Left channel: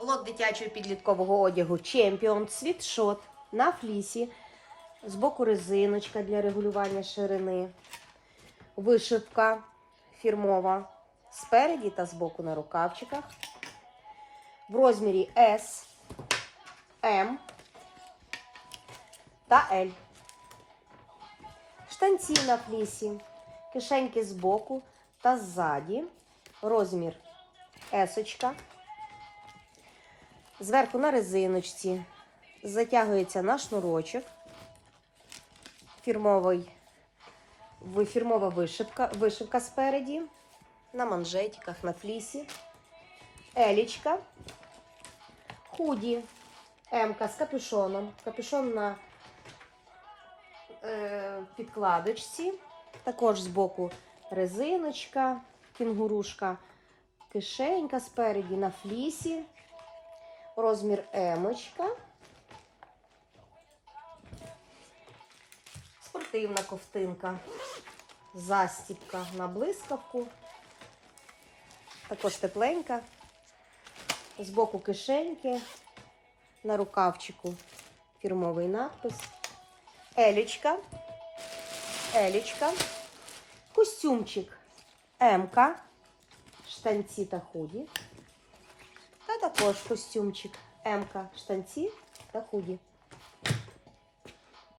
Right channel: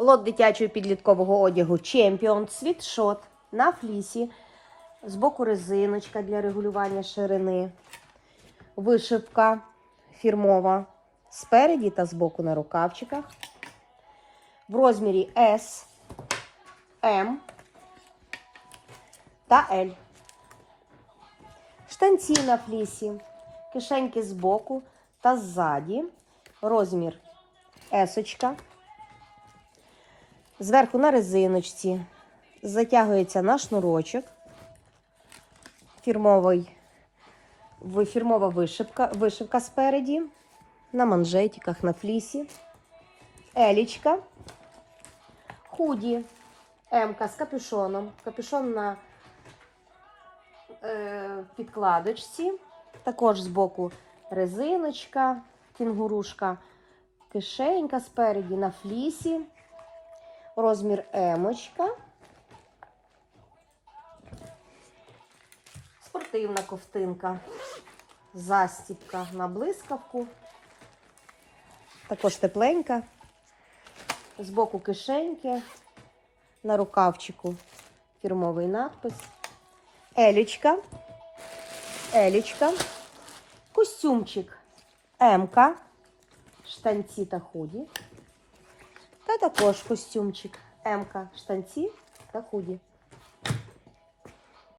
Лот дитячого підліткового одягу Чемпіон, світшот на флісі. Збоку резиночка для регулювання ширини. Вишивка фірмова спереді та збоку на рукавчиках. В розмірі S, M та L. Штанці на флісі, кишеньки збоку та ззаді. Розмір есочка. Зверху на резиночці затягується на шнурочок. Фірмовий, фірмова вишивка, вишивка спереді, на манжетиках, на флісі. Елічка. Худі. Емка з капюшоном. Капюшон на е, підкладочці. Також збоку резиночка, кінгурушка, кишенька спереді на флісі. Розмір емочка. Спортивна ковтинка. Застібка на блискавку. Також тепленька. Збоку кишеньки. На рукавчику фірмовий надпис. Елічка. Елічка. Костюмчик М-ка. Штанці та худі. Та також костюмчик М-ка. Штанці та худі.